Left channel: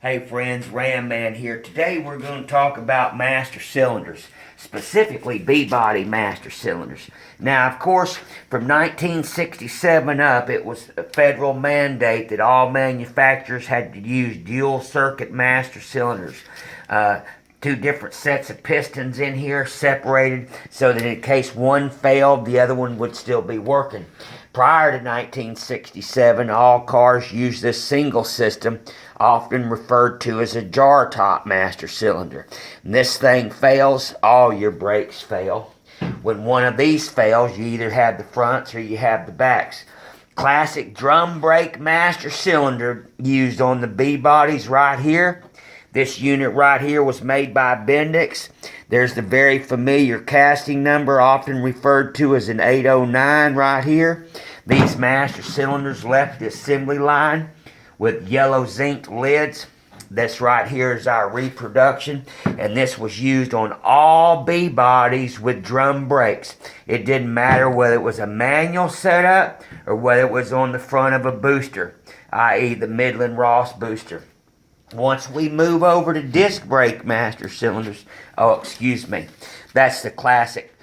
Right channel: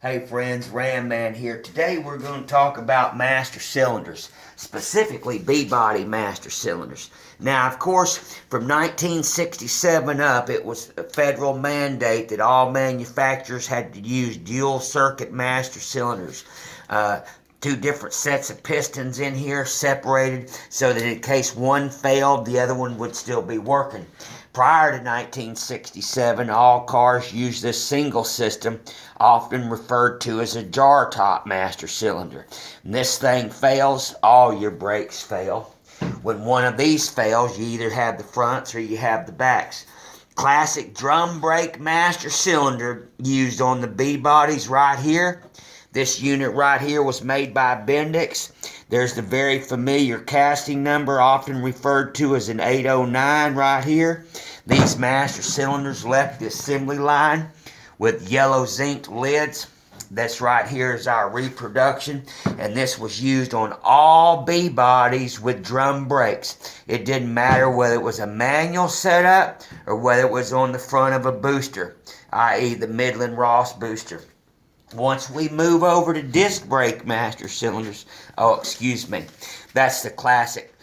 Hey friends, Ram Man here. Today we're going to talk about master cylinders, specifically B-body master cylinders. Now, of course, from 1967 up, it was a federal mandate that all manufacturers had to use dual circuit master cylinders. Two different sets of pistons in here separated so that in case one failed, the other one would still be working. Prior to 1967, all cars used this single system, often referred to as a jar top master cylinder. When this thing fails, all your brakes fail. When one of these fails, you either have the fronts or you have the backs. Classic drum brake master cylinder used on the B-bodies right here. This unit right here was made by Bendix. There's the very familiar casting number, often referred to as an 809 right here. These master cylinders left the assembly line with yellow zinc lids. This right here is our reproduction, and this was used on all B-bodies with drum brakes. It didn't matter whether it was a manual setup or whether it was on the front of a booster, i.e. the Midland Ross booster. Once we move over to disc brake master cylinders, that's the classic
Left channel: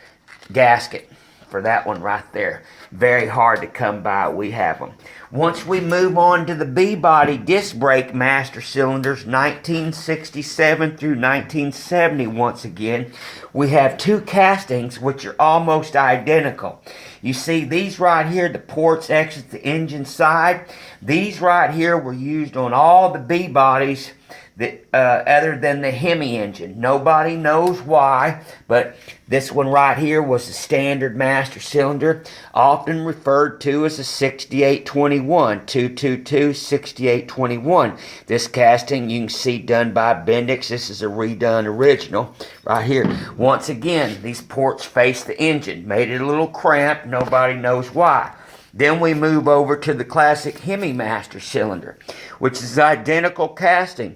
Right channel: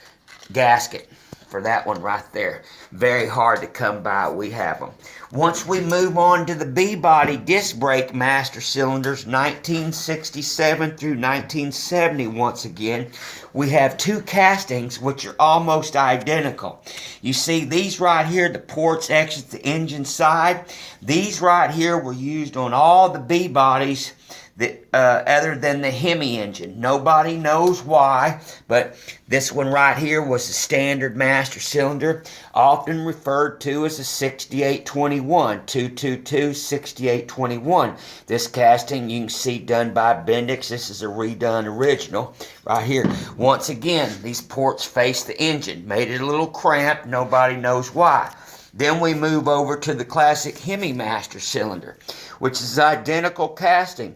gasket for that one right there. Very hard to come by, we have them. Once we move on to the B-body disc brake master cylinders, 1967 through 1970 once again, we have two castings which are almost identical. You see these right here, the ports exit the engine side. These right here were used on all the B-bodies that, other than the Hemi engine. Nobody knows why, but this one right here was the standard master cylinder, often referred to as a 6821, 222 6821. This casting you can see done by Bendix. This is a redone original right here. Once again, these ports face the engine. Made it a little cramped. Nobody knows why. Then we move over to the classic Hemi master cylinder, which is identical casting.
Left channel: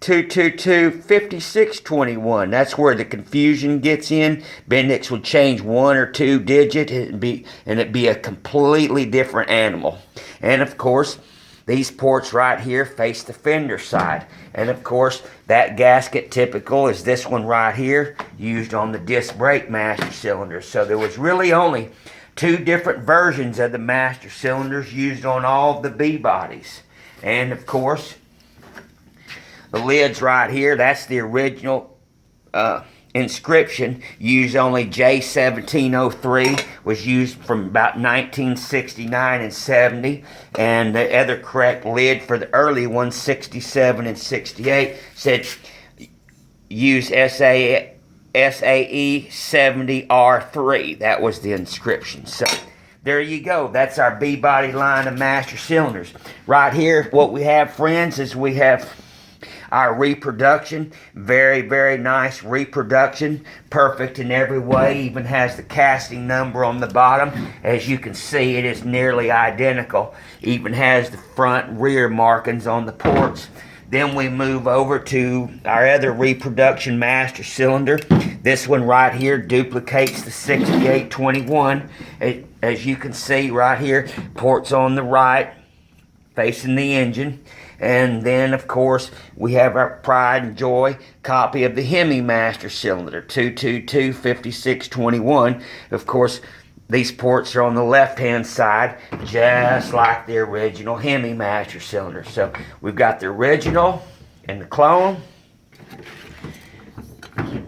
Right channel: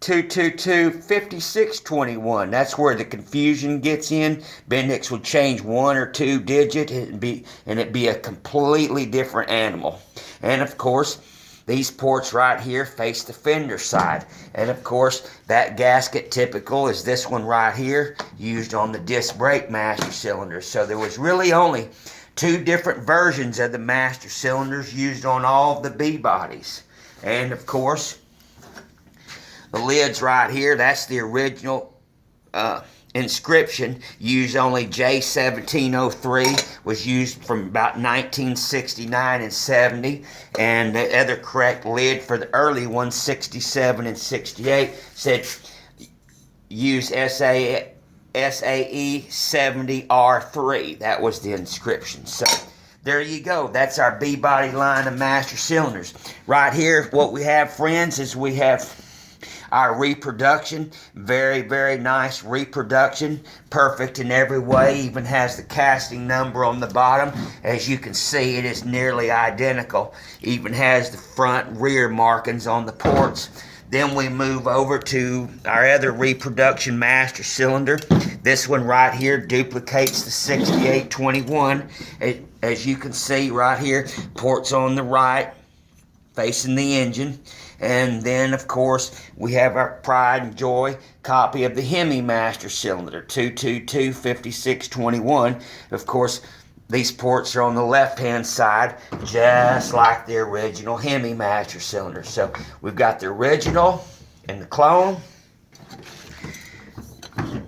222 5621. That's where the confusion gets in. Bendix will change one or two digits and it'd be a completely different animal. And of course, these ports right here face the fender side. And of course, that gasket typical is this one right here, used on the disc brake master cylinder. So there was really only two different versions of the master cylinders used on all the B-bodies. And of course, the lids right here, that's the original inscription. Used only J1703, was used from about 1969 and 70. And the other correct lid for the early ones, 67 and 68, said use SAE 70R3. That was the inscription. So there you go. That's our B-body line of master cylinders. Right here, what we have, friends, is we have our reproduction. Very, very nice reproduction. Perfect in every way. Even has the casting number on the bottom. As you can see, it is nearly identical. Even has the front and rear markings on the ports. Then we move over to our other reproduction master cylinder. This one right here duplicates the 6821. As you can see right here, ports on the right, facing the engine. And then, of course, we have our pride and joy copy of the Hemi master cylinder, 222 5621. Of course, these ports are on the left-hand side, just like the original Hemi master cylinder. So we've got the original and the clone,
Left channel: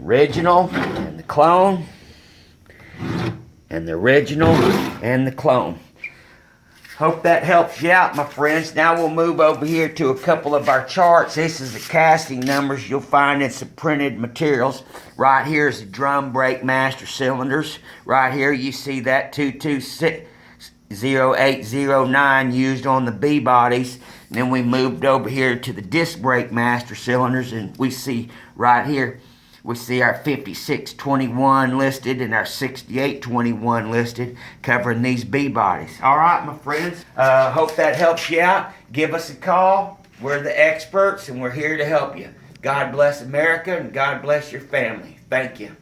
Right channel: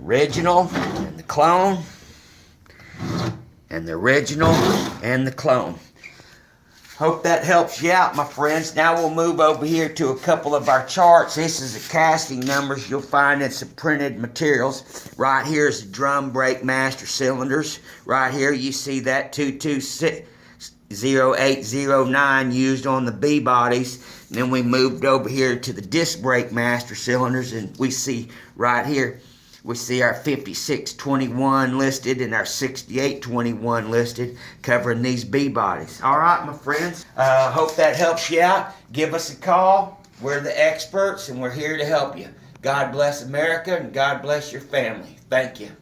original and the clone, and the original and the clone. Hope that helps you out, my friends. Now we'll move over here to a couple of our charts. This is the casting numbers you'll find in some printed materials. Right here is the drum brake master cylinders. Right here you see that 2260809 used on the B-bodies. And then we moved over here to the disc brake master cylinders, and we see right here, we see our 5621 listed and our 6821 listed, covering these B-bodies. All right, my friends. Hope that helps you out. Give us a call. We're the experts, and we're here to help you. God bless America, and God bless your family. Thank you.